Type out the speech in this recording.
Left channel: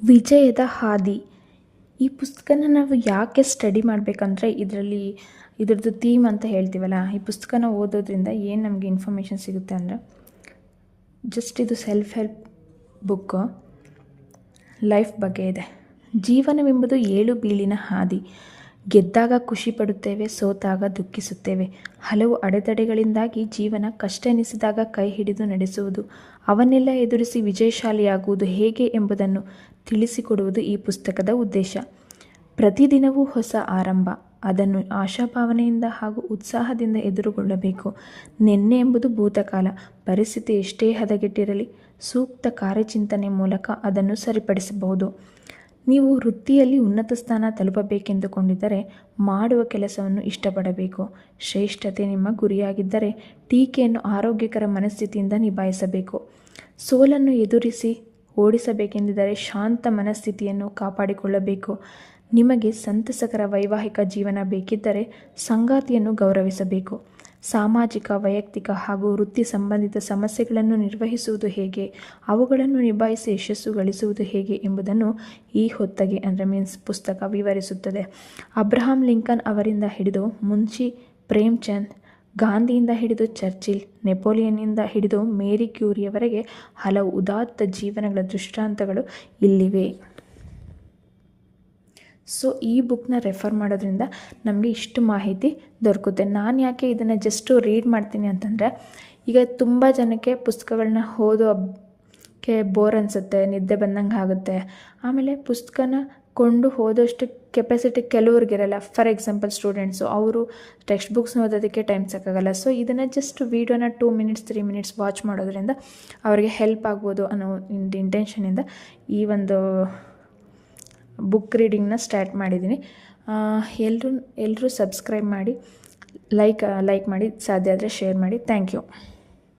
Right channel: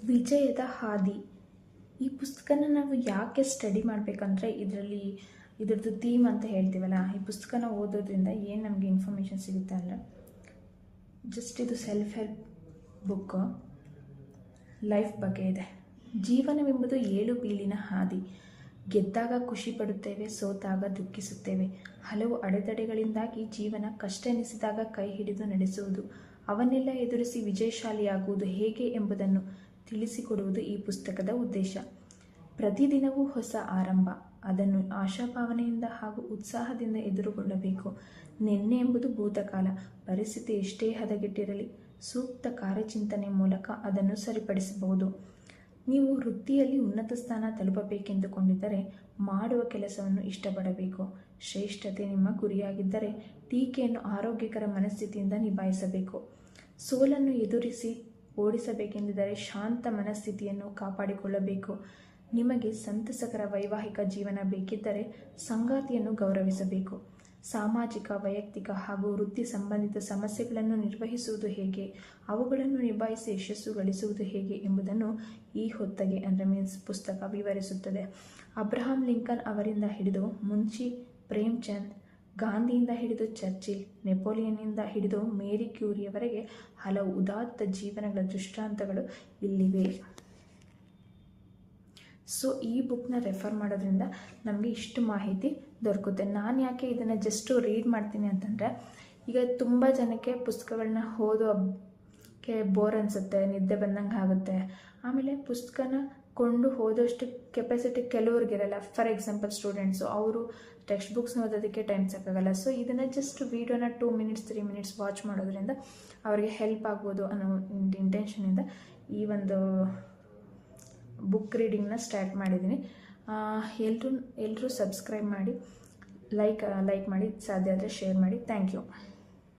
ವಿಜಯದ ಹಾದಿ. ಈ ಪುಸ್ತಕನ ನಾವು ಯಾಕೆ ಸ್ಟಡಿ ಮಾಡಬೇಕಂದ್ರೆ ಇದ್ರದ್ದು ಥೀಮ್ ಅಂತ ಹೇಳ್ತೀವಲ್ಲ, ಈ ಪುಸ್ತಕನ ಓದೋದ್ರಿಂದ ಏನು ನಮಗೆ ಇನ್ಫಾರ್ಮೇಷನ್ ಸಿಗುತ್ತೆ ಅಂದರೆ, ಜಸ್ಟ್ ಇದು ಸೆಲ್ಫ್ ಹೆಲ್ಪ್ ಬುಕ್ಕು, ಲೈಫ್ ಬಗ್ಗೆ ಇದೆ. ಜೀವನವೆಂಬುದು ಏಳು ಬೀಳಿನ ಹಾದಿ. ಗೆದ್ದಾಗ ಖುಷಿ ಪಡುತ್ತೇವೆ, ಸೋತಾಗ ದುಃಖಿಸುತ್ತೇವೆ. ಹಲವು ಅಡೆತಡೆಗಳಿಂದಾಗಿ ಜೀವನ ಕಷ್ಟ ಎನಿಸಿದಾಗ ಕೈ ಹಿಡಿದು ನಡೆಸುವುದು, ಅವನ್ನೆಲ್ಲ ಎದುರಿಸಿ ವಿಜಯಶಾಲಿಯಾಗುವುದು ಹೇಗೆ ಎಂಬುದನ್ನು ತಿಳಿಸಿಕೊಡುವುದು ಈ ಪುಸ್ತಕದ ಉದ್ದೇಶ. ಪ್ರತಿದಿನವೂ ಹೊಸ ಆರಂಭ, ಅದನ್ನು ಆಶಾಭಾವನೆಯಿಂದ ಹಾಗೂ ಉತ್ಸಾಹದಿಂದ ಎದುರುಗೊಳ್ಳಬೇಕು. ನಿನ್ನೆ ಎಂಬುದು ಭೂತಕಾಲ, ಪರಿಸ್ಥಿತಿ ಎಷ್ಟೇ ಹದಗೆಟ್ಟಿರಲಿ ಸೂಕ್ತ ಕಾರ್ಯಚಿಂತನೆ ಮೂಲಕ ಅದನ್ನು ಸರಿಪಡಿಸಬಹುದು. ನೀವು ವೃತ್ತಿಯಲ್ಲಿ ಉನ್ನತ ಸ್ಥಾನ ತಲುಪಬೇಕೆಂದುಕೊಂಡಿದ್ದರೆ ಮಾಡುವ ಕೆಲಸವನ್ನು ಇಷ್ಟಪಡಬೇಕು. ಶ್ರೇಷ್ಠತೆ ನಿಮ್ಮ ಗುರಿಯಾಗಿದ್ದರೆ ಟೀಕೆಯನ್ನು ಆರೋಗ್ಯಕರ ಮನಸ್ಥಿತಿಯಿಂದ ನಿಭಾಯಿಸಬೇಕು. ಸೋಲನ್ನು ಎದುರಿಸಿ ಓಡಿಸಬೇಕೆಂದಿದ್ದರೆ ಶಾಂತ ಮನಸ್ಥಿತಿಯನ್ನು ಕಾಪಾಡಿಕೊಳ್ಳಬೇಕು. ನಿಮಗೆ ಸಂತಸಕರ ವೈವಾಹಿಕ ಜೀವನ ಬೇಕಿದ್ದರೆ ಸಂಗಾತಿಯನ್ನು ಗೌರವಿಸಬೇಕು. ಸಾಮಾಜಿಕ, ವೈಯಕ್ತಿಕ ಹಾಗೂ ವೃತ್ತಿ ಸಂಬಂಧಿತ ಸಮಸ್ಯೆಗಳನ್ನು ನಿರ್ವಹಿಸುವುದು ಹೇಗೆ, ಅವುಗಳನ್ನು ನಿಭಾಯಿಸಿ ಯಶಸ್ಸು ಗಳಿಸುವುದು ಹೇಗೆ ಎಂಬುದನ್ನು ಈ ಹೊತ್ತಗೆ ಪುಸ್ತಕ ವಿವರಿಸುತ್ತದೆ. ಅಬ್ರಹಾಂ ಲಿಂಕನ್ ಅವರಿಂದ ಹಿಡಿದು ಮುನ್ಷಿ ಪ್ರೇಮ್ಚಂದ್, ಗಾಂಧಿಯಿಂದ ಹಿಡಿದು ಚರ್ಚಿಲ್, ನೆಪೋಲಿಯನ್ನಿಂದ ಹಿಡಿದು ಮೇರಿ ಕ್ಯೂರಿಯವರೆಗೆ ಹಲವು ಉದಾತ್ತ ಜೀವನಗಳ ದೃಷ್ಟಾಂತಗಳು ಇಲ್ಲಿವೆ. ಸೊ ಈ ಬುಕ್ನ ರೆಫರ್ ಮಾಡೋದ್ರಿಂದ ನಮಗೆ ಇಷ್ಟು ಮಾಹಿತಿ ದೊರಕುತ್ತೆ. ನಾನು ಯಾಕೆ ಇದನ್ನು ಜಸ್ಟು ರೀಡ್ ಮಾಡ್ತೀನಿ ಅಂತಂದರೆ, ಈಗ ತುಂಬ ಜನಕ್ಕೆ ಪುಸ್ತಕಗಳನ್ನ ಓದೋಕ್ಕೆ ಬೋರ್ ಅನಿಸುತ್ತೆ, ನಿದ್ದೆ ಬಂದಂಗೆ ಆಗುತ್ತೆ. ಆಮೇಲೆ ಪುಸ್ತಕನ ಕೊಂಡು ಓದೋಷ್ಟು ಕೆಪಾಸಿಟಿ ಕೆಲವ್ರಿಗಿರಲ್ಲ. ಫಾರ್ ಎಕ್ಸಾಂಪಲ್ ಸ್ಟೂಡೆಂಟ್ಸು, ಅವರು ಟೆಕ್ಸ್ಟ್ ಬುಕ್ಸ್ನ ಓದೋದಕ್ಕೆ ಟೈಮ್ ಸಾಕಾಗಲ್ಲ. ಸೊ ಇದನ್ನು ಜಸ್ಟ್ ವೀಡಿಯೋನ 2 ಮಿನಿಟ್ಸ್ 3 ಮಿನಿಟ್ಸ್ ವಾಚ್ ಮಾಡೋದ್ರಿಂದ ಅವರಿಗೆ ಹೆಲ್ಪ್ ಆಗ್ಬೋದು ಅನ್ನೋ ಇಂಟೆನ್ಷನಿಂದ ಈ ಒಂದು ಬುಕ್ ರೀಡಿಂಗ್ನ ಸ್ಟಾರ್ಟ್ ಮಾಡಿದ್ದೀನಿ. ಎಲ್ಲರೂ ಸಬ್ಸ್ಕ್ರೈಬ್ ಮಾಡಿ, ಲೈಕ್ ಮಾಡಿ, ಸಾಧ್ಯ ಆದರೆ ಶೇರ್ ಮಾಡಿ. Thank you.